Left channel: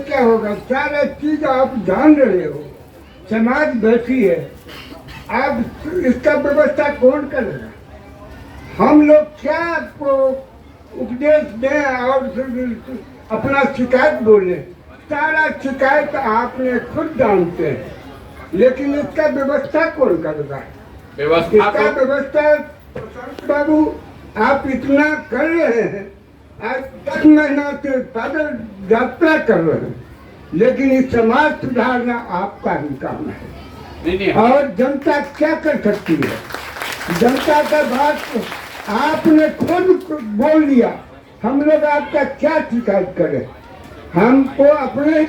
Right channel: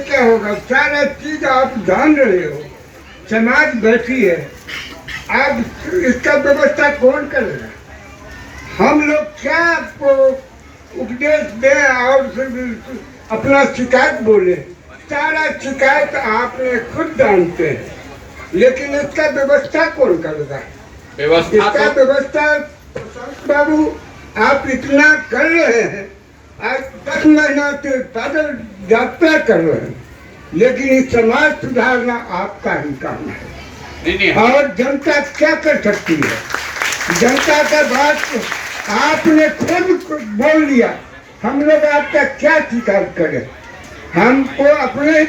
क्या होगा? सारा चीज आप जान रहे हो, समाज बैठी है, आप इसका व्यवस्था कौन करेगा? हम लोग क्या आपको उपदेश दें और अपना शिकायत बोले? सारा शिकायत आपने खुद जानते हैं, लेकिन इसका व्यवस्था कौन करेगा? इसका व्यवस्था बाबू आप इतना कर रहे हैं, आज 10 महीना से पैदल यात्रा कर रहे हैं, लेकिन इस समाज सुधारना आपका ही काम है। और जनता क्या कर सकती है? जनता का बात आपने खुद बोल दिया, हम लोग आपका क्या शिकायत करें? हमको अपने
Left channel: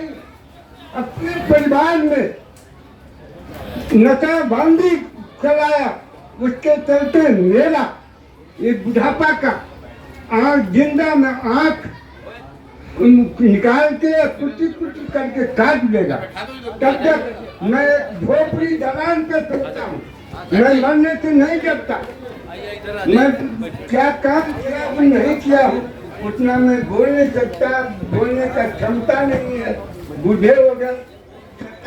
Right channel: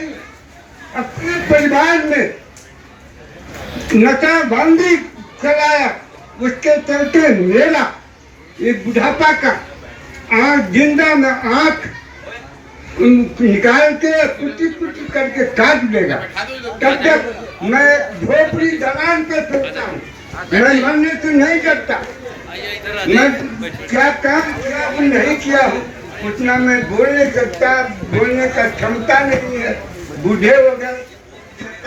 परिवार में नशाबंदी चलाया, उसके चलते मेरा एक बुढ़ापा का आँख जिंदा में आँख निकाल के कुटी कुटी करके काट देगा। तब तक मैं झोपड़ी दलान पे सोचता हूँ, मैं मरने से नहीं डरता। मैं क्या काम किया हूँ नहीं किया हूँ उतना मैं बोल नहीं सकता, बोलने का क्षमता नहीं है। बूढ़े हो गए,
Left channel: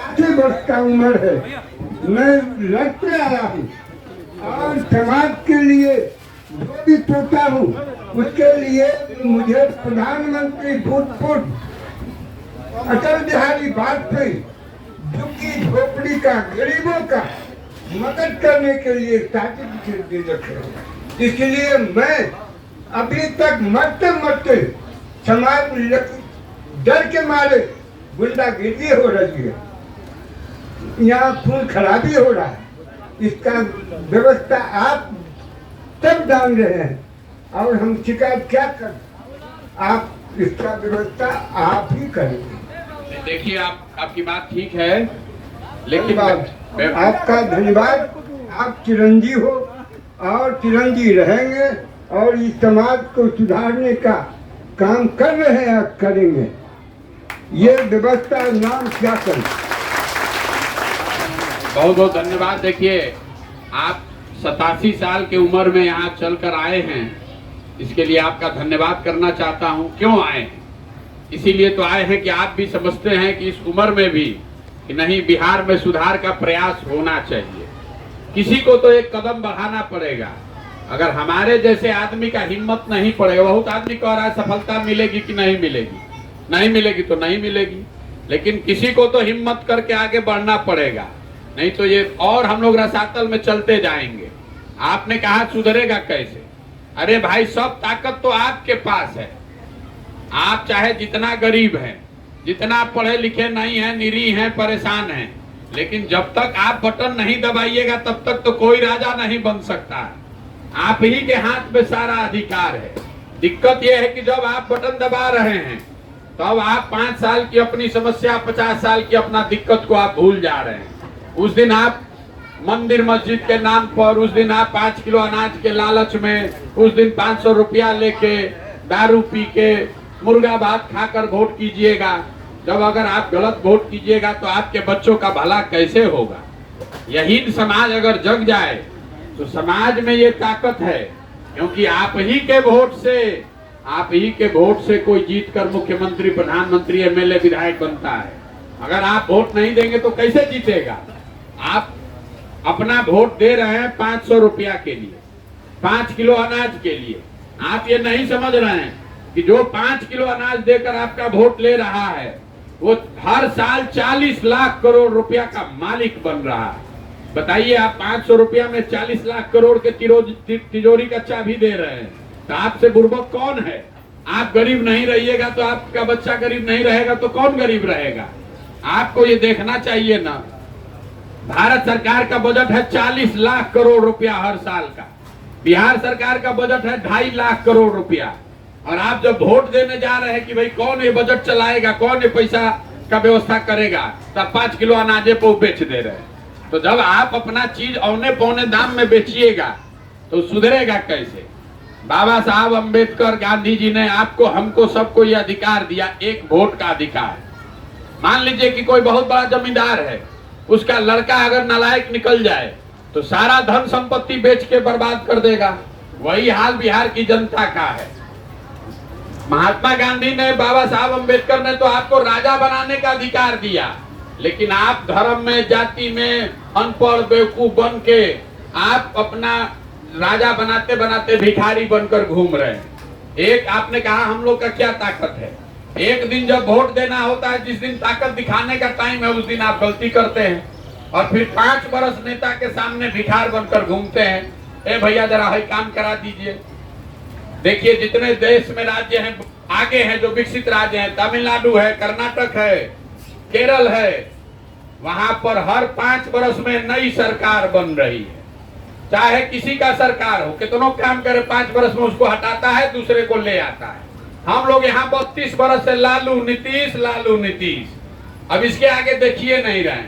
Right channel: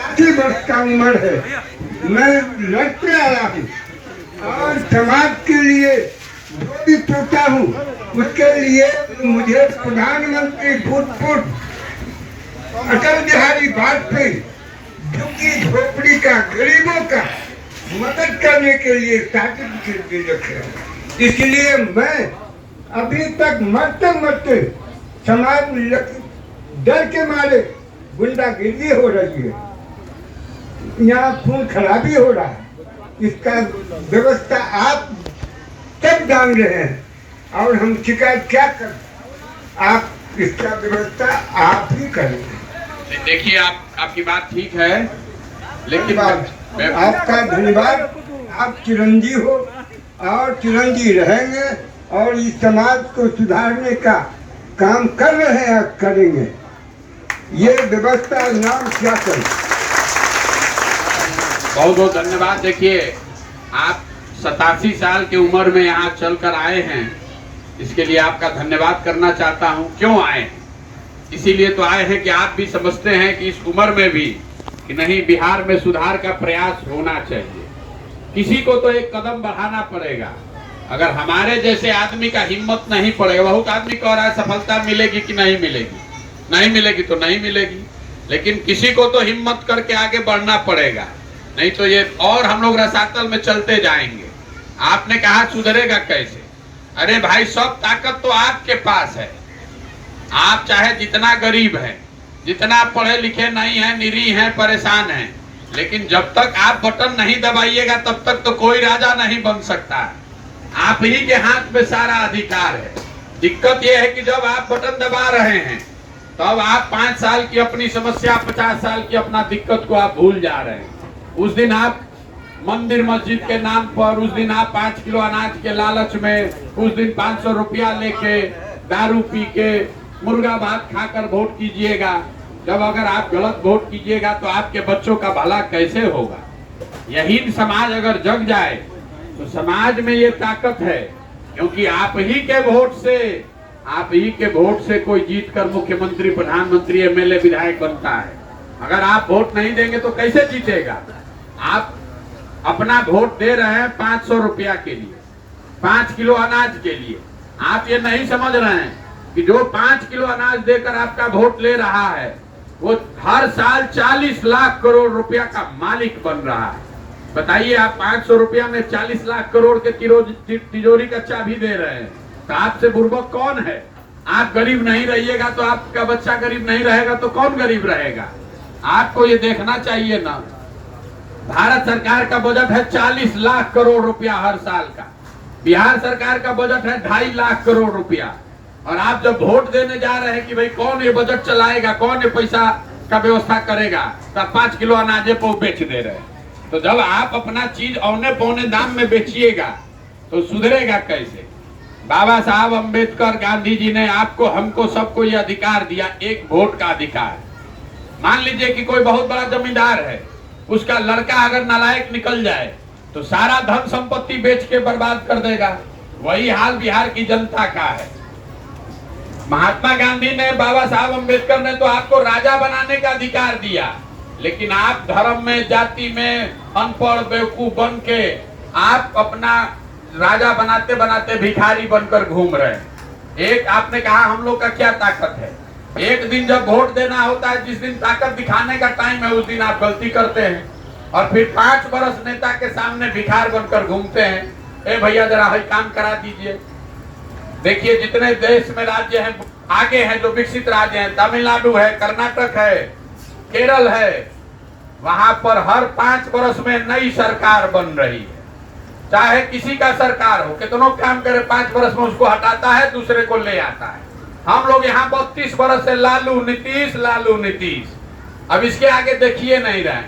80 वर्ष का उम्र है, मैं लड़ते आया हूँ और समाज के लिए जो भी सोचा हूँ उसके लिए मुझे प्रधानमंत्री भूतपूर्व अटल बिहारी वाजपेयी झुग्गी झोपड़ी का गरीबों का मदद करने के लिए सर्टिफिकेट दे रखे। इसलिए मैं अभी तक मरते मरते समाज में डर के मारे गुंडागिर्दी हो रही है, यहाँ खून खराबी हो रहा है। इसका व्यवस्था आप सब जान रहे हैं और हम शिकायत क्या कर? आप इसका व्यवस्था आप ही करेंगे। देखिए आपकी बात ठीक है, लेकिन आपका धन्यवाद। आप चिरंजीव हो और चिरंजीव रहेंगे और इस समाज को सुधारने का काम कर रहे हैं, करेंगे। ये व्यवस्था नाम क्या करें? बहुत बहुत धन्यवाद। देखिए आप 87 साल की उम्र में यहाँ चलकर आए हैं, इसके लिए आपका धन्यवाद करना चाहता हूँ। क्यों आए हैं? इसीलिए तो आए हैं कि आप भी समझते हैं कि इस उम्र में भी कि नहीं, बिहार में सुधार का प्रयास होना चाहिए। किसी को तो एक कदम बढ़ाना पड़ेगा। अगर हमारे जैसे आदमी का हिम्मत नहीं पड़ेगा, बहुत आदमी कह रहा है सफलता मिलेगी कि नहीं मिलेगी, नहीं मिलेगी तो नहीं मिलेगी, लेकिन किसी को तो हिम्मत करके आगे बढ़ना पड़ेगा, नहीं तो ये और हम लोग रसातल में चलते जाएंगे। आपने कहा सुधरेगा कैसे? अरे भाई, सब ताकत तो आपके पास है। आप चाहे जितना गरीब हैं, जितना पढ़े लिखे नहीं हैं, निरीह हैं, परेशान हैं, लेकिन जब तक आप बटन नहीं दबाइएगा तब तक तो कोई राजा नहीं बन सकता। आप ही के हाथ में सारा अधिकार है। दिक्कत यह है कि जब आप बटन दबा रहे हैं तो अब आप 5 साल की अपनी समस्या, 50 साल की अपना दिक्कत को आप भूल जा रहे हैं। उस दिन आप मंदिर मस्जिद के नाम पर, उस दिन आप 5 किलो अनाज के लालच में, उस दिन 500 रुपया लेके दारू पी के मुर्गा भात खाकर वोट कीजिएगा। जब अगर आप गलत वोट कीजिएगा तो आपके बच्चों का भला कैसे होगा? यही समाज अगर जग जाए तो समाज में ये ताकत है, क्योंकि आप ही के वोट से कोई जीतकर मुख्यमंत्री, प्रधानमंत्री, एमएलए, विधायक बनता है। अगर आप वोट नहीं देंगे तो कैसे जीतेगा? आप अपना वोट दे रहे हैं 500 रुपया के लिए, 5 किलो अनाज के लिए। आप ये नहीं समझ रहे हैं कि जो 5 किलो अनाज देकर आपका वोट ले रहा है वो हर साल 40 लाख करोड़ रुपया का मालिक बन रहा है। बताइए, आप 500 रुपया में 40 लाख करोड़ के तिजोरी का चाबी दे रहे हैं, तो आपसे बुर्बक कौन है? आप गरीब नहीं रहिएगा तो आपका बच्चा गरीब नहीं रहेगा तो कौन गरीब रहेगा? आपको ये देखना चाहिए ना। भारत सरकार का बजट है 40 लाख करोड़ रुपया हर साल का, बिहार सरकार का बजट है 2.5 लाख करोड़ रुपया, और आप जब वोट देने जा रहे हैं कि भाई कौन ये बजट चलाएगा, कौन ये पैसा का व्यवस्था करेगा, तब 5 किलो अनाजे पे बेच दे रहे हैं। तो जब आप अपना चीज औने पौने दाम में बेचिएगा तो सुधरेगा कैसे? बाबा साहब अम्बेडकर, गांधी जी ने आपको, हमको, सबको ये अधिकार दिया, एक वोट का अधिकार। मान लीजिए कि कोई बहुत बड़ा जमींदार है, उसका लड़का अगर नालायक निकल जाए तो सारा धन संपत्ति बेच के बर्बाद कर देगा। वही हाल बिहार की जनता का है। महात्मा गांधी ने, बाबा साहब अम्बेडकर ने तो आपको राजा बनाने का अधिकार दिया, लेकिन आप धर्म में, जाति में अनपढ़ बेवकूफ बन के आप अपना राजा बनाते बनाते भिखारी बनकर घूम रहे हैं। एक आपने कहा हम लोग का क्या ताकत है, एक दिन जब वोट देना होता है, जिस दिन ताकत दिखाने का टाइम है, उस दिन आप गलती करते हैं और फिर 5 बरस नेता के सामने भिखार बनकर घूमते हैं। ए भैया जरा है काम करा दीजिए। देखिए जितने देश में राज्य हैं आगे हैं, जो विकसित राज्य हैं, तमिलनाडु है, कर्नाटक है, केरल है, वहां पर हर 5 बरस में नई सरकार बन रही है। चाहे किसी का सरकार हो, कितनों काम करे, 5 बरस में उसको हटाता है, दूसरे को ले आता है। हम लोग यहाँ 32 बरस से लालू नीतीश, अब इसके आगे देखिए नहीं रहे।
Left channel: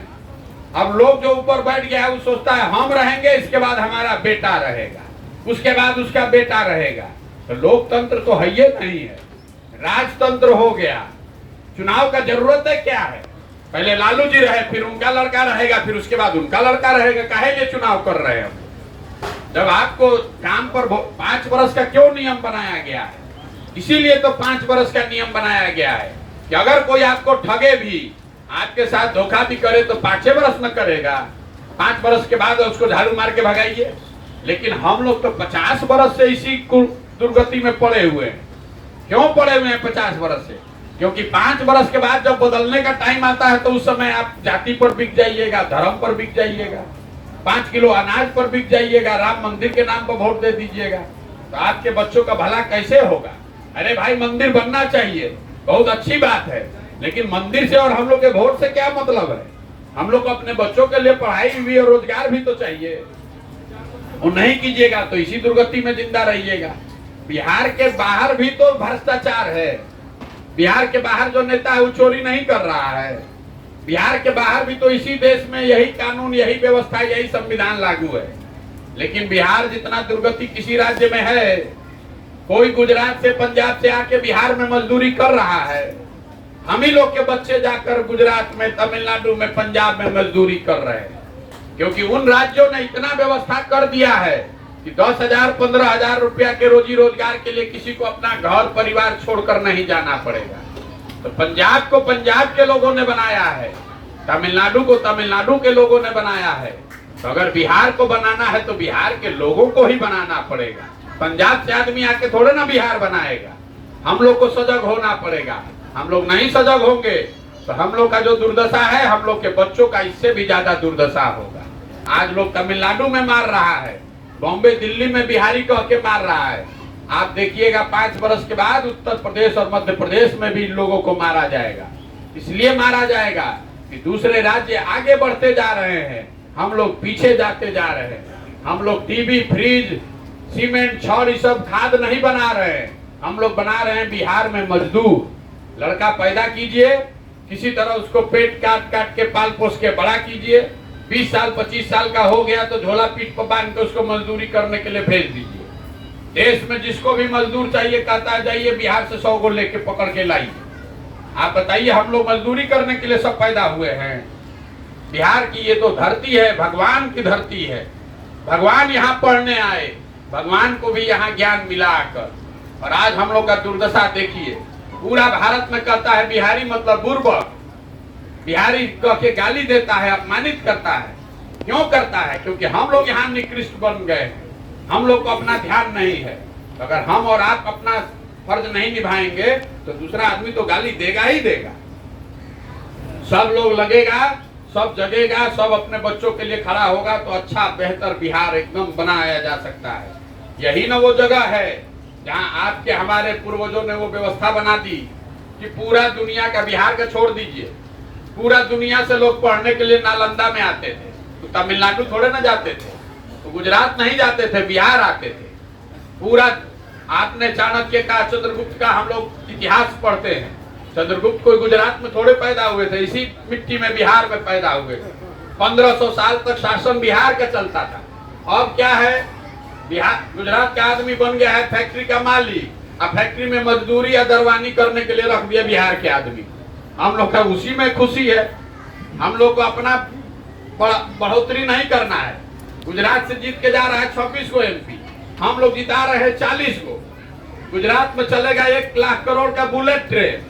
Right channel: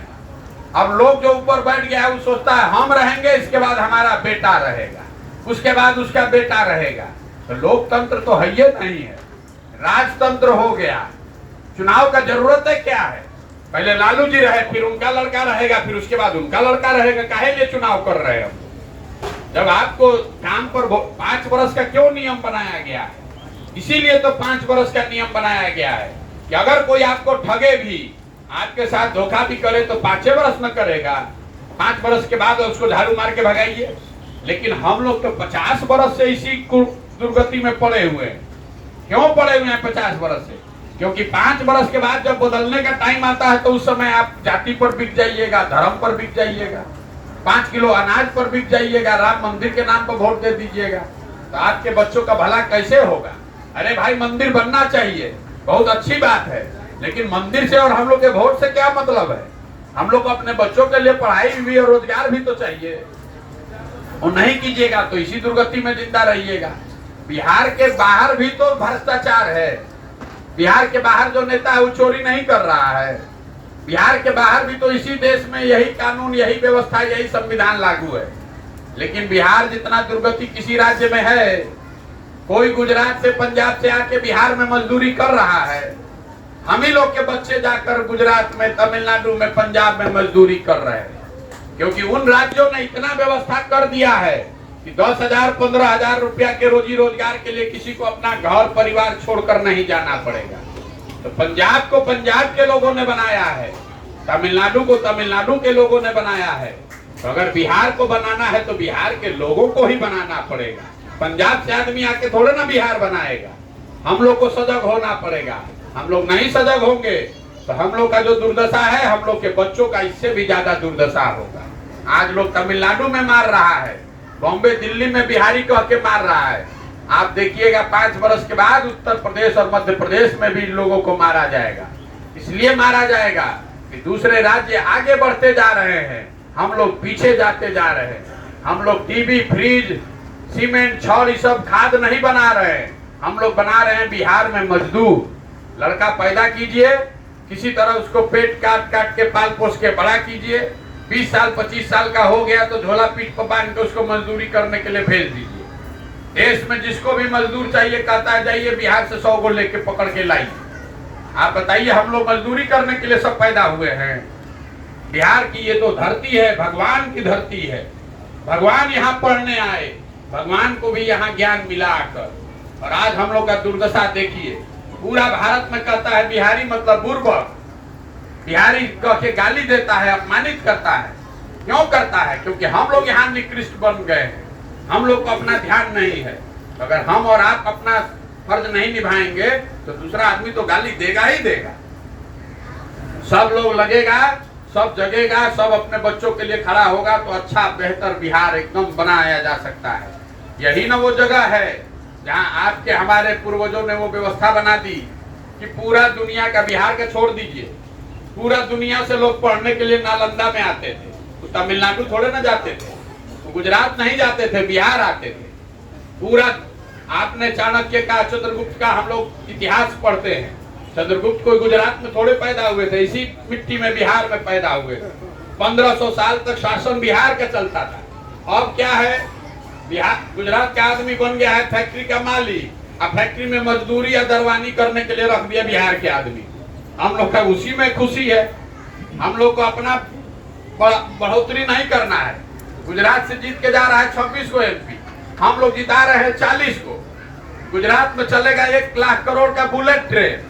अब लोग जो ऊपर बैठ गया है वो सोचता है हम रहेंगे, इसके बाद हमारा बेटा रहेगा, उसके बाद उसका बेटा रहेगा। तो लोकतंत्र तो है ये नहीं है, राजतंत्र हो गया। चुनाव का जरूरत है क्या है, पहले लालू जी रहे, फिर उनका लड़का रहेगा, फिर उसके बाद उनका लड़का रहेगा। काहे लिए चुनाव कर रहे हैं हम? जब आपको काम पर 5 बरस का क्यों नियम बनाया गया है? इसीलिए तो 5 बरस का नियम बनाया गया है कि अगर कोई आपको ठगे भी, आपके साथ धोखा भी करे तो 5 बरस न करेगा, 5 बरस के बाद उसको झाड़ू मार के भगाइए। लेकिन हम लोग तो 50 बरस से इसी दुर्गति में पड़े हुए हैं। क्यों पड़े हुए हैं 50 बरस से? क्योंकि 5 बरस के बाद जब बदलने का टाइम आता है तो उस समय आप जाति पर बिक जाइएगा, धर्म पर बिक जाइएगा, 5 किलो अनाज पर बिक जाइएगा, राम मंदिर के नाम पर वोट दे दीजिएगा, तो आपके बच्चों का भला कैसे होगा? अरे भाई मंदिर बनना चाहिए, बहुत अच्छी बात है, लेकिन मंदिर से और हम लोग के वोट से क्या मतलब है? हम लोग को अपने बच्चों के लिए पढ़ाई भी और रोजगार भी तो चाहिए। और नहीं कीजिएगा तो इसी दुर्गति में जिंदा रहिएगा। बिहार के बाहर भी तो भ्रष्टाचार है। बिहार के बाहर जो नेता है वो चोरी नहीं कर रहा है। बिहार के बाहर भी तो इसी देश में यही कानून, यही व्यवस्था, यही संविधान लागू है। लेकिन बिहार जितना दुर्गति किसी राज्य में है, कोई गुजरात से, पंजाब से आके बिहार में मजदूरी कर रहा है। हम ही लोग के बच्चे जाकर गुजरात में, तमिलनाडु में, पंजाब में मजदूरी कर रहे हैं, क्योंकि उन राज्यों ने इतना व्यवस्था कर दिया है कि 10,000 15,000 रुपया के रोजी रोजगार के लिए किसी को अपना घर परिवार छोड़कर नहीं जाना पड़ेगा। तो पंजाब को पंजाब के लोगों ने बनाया है, तमिलनाडु को तमिलनाडु के लोगों ने बनाया है। तो अगर बिहार को बनाना है तो बिहार के लोगों को ही बनाना पड़ेगा। पंजाब से आदमी आके थोड़े ना बिहार बनाएगा। हम लोग को सजग होना पड़ेगा। हम लोग नहीं सजग होंगे तो हम लोग का जो दुर्दशा है, हम लोग के बच्चों का इससे भी ज्यादा दुर्दशा होगा। आज लोग तमिलनाडु में मार रहा है, बॉम्बे दिल्ली में बिहारी कह के मार रहा है। आप देखिएगा 5 वर्ष के बाद उत्तर प्रदेश और मध्य प्रदेश में भी इन लोगों को मारा जाएगा। इसलिए मारा जाएगा कि दूसरे राज्य आगे बढ़ते जा रहे हैं, हम लोग पीछे जाते जा रहे हैं। हम लोग टीवी, फ्रिज, सीमेंट, छड़, ये सब खाद नहीं बना रहे हैं। हम लोग बना रहे हैं बिहार में मजदूर। लड़का पैदा कीजिए, किसी तरह उसको पेट काट काट के पाल पोस के बड़ा कीजिए। 20 साल 25 साल का हो गया तो झोला पीठ पर बांध के उसको मजदूरी करने के लिए भेज दीजिए। देश में जिसको भी मजदूर चाहिए कहता है जाइए बिहार से 100 को लेके पकड़ के लाइए। आप बताइए, हम लोग मजदूरी करने के लिए सब पैदा हुए हैं? बिहार की ये तो धरती है, भगवान की धरती है। भगवान यहाँ पढ़ने आए, भगवान को भी यहाँ ज्ञान मिला आकर। और आज हम लोग का दुर्दशा देखिए, पूरा भारत में कहता है बिहारी मतलब बुर्बक। बिहारी कह के गाली देता है, अपमानित करता है। क्यों करता है? क्योंकि हम लोग यहाँ निकृष्ट बन गए हैं। हम लोग को अपना ध्यान नहीं है। अगर हम और आप अपना फर्ज नहीं निभाएंगे तो दूसरा आदमी तो गाली देगा ही देगा। सब लोग लगेगा, सब जगेगा, सब अपने बच्चों के लिए खड़ा होगा तो अच्छा बेहतर बिहार एकदम बनाया जा सकता है। यही ना वो जगह है जहाँ आपके हमारे पूर्वजों ने वो व्यवस्था बना दी कि पूरा दुनिया का, बिहार के छोड़ दीजिए, पूरा दुनिया से लोग पढ़ने के लिए नालंदा में आते थे। तो तमिलनाडु थोड़े ना जाते थे, तो गुजरात नहीं जाते थे, बिहार आते थे। पूरा आपने चाणक्य का, चंद्रगुप्त का हम लोग इतिहास पढ़ते हैं। चंद्रगुप्त कोई गुजरात में थोड़े पैदा हुए थे, इसी मिट्टी में बिहार में पैदा हुए थे। 1500 साल तक शासन बिहार का चलता था। अब क्या है, बिहार, गुजरात का आदमी बन गया है फैक्ट्री का मालिक। अब फैक्ट्री में मजदूरी या दरवानी करने के लिए रख दिया बिहार के आदमी। हम लोग का उसी में खुशी है। हम लोग को अपना बढ़ोतरी नहीं करना है। गुजरात से जीत के जा रहा है 26 को एमपी, हम लोग जिता रहे हैं 40 को। गुजरात में चलेगा 1 लाख करोड़ का बुलेट ट्रेन,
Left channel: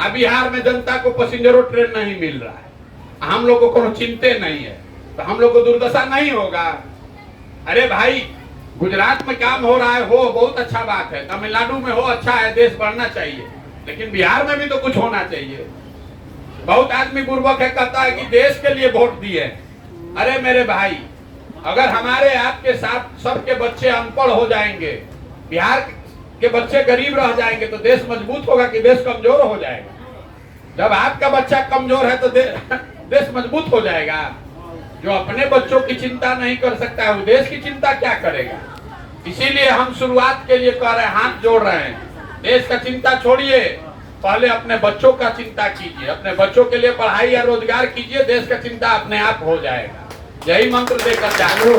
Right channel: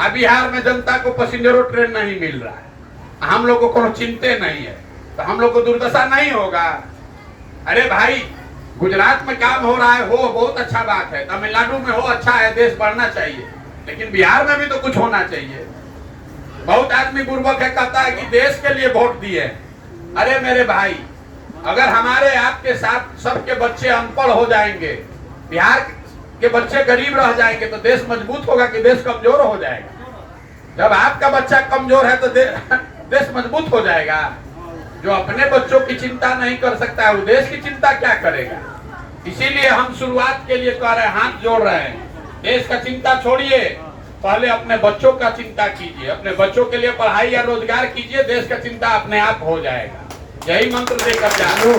अब बिहार में जनता को पैसेंजरों ट्रेन नहीं मिल रहा है, हम लोग को कोनो चिंते नहीं है, तो हम लोग को दुर्दशा नहीं होगा। अरे भाई, गुजरात में काम हो रहा है, हो बहुत अच्छा बात है, तमिलनाडु में हो अच्छा है, देश बढ़ना चाहिए, लेकिन बिहार में भी तो कुछ होना चाहिए। बहुत आदमी बुर्बक है, कहता है कि देश के लिए वोट दिए। अरे मेरे भाई, अगर हमारे आपके साथ सबके बच्चे अनपढ़ हो जाएंगे, बिहार के बच्चे गरीब रह जाएंगे, तो देश मजबूत होगा कि देश कमजोर हो जाएगा? जब आपका बच्चा कमजोर है तो देश मजबूत हो जाएगा। जो अपने बच्चों की चिंता नहीं कर सकता है, वो देश की चिंता क्या करेगा? इसीलिए हम शुरुआत के लिए कह रहे हैं, हाथ जोड़ रहे हैं, देश का चिंता छोड़िए, पहले अपने बच्चों का चिंता कीजिए, अपने बच्चों के लिए पढ़ाई या रोजगार कीजिए, देश का चिंता अपने आप हो जाएगा। यही मंत्र देकर जाओ।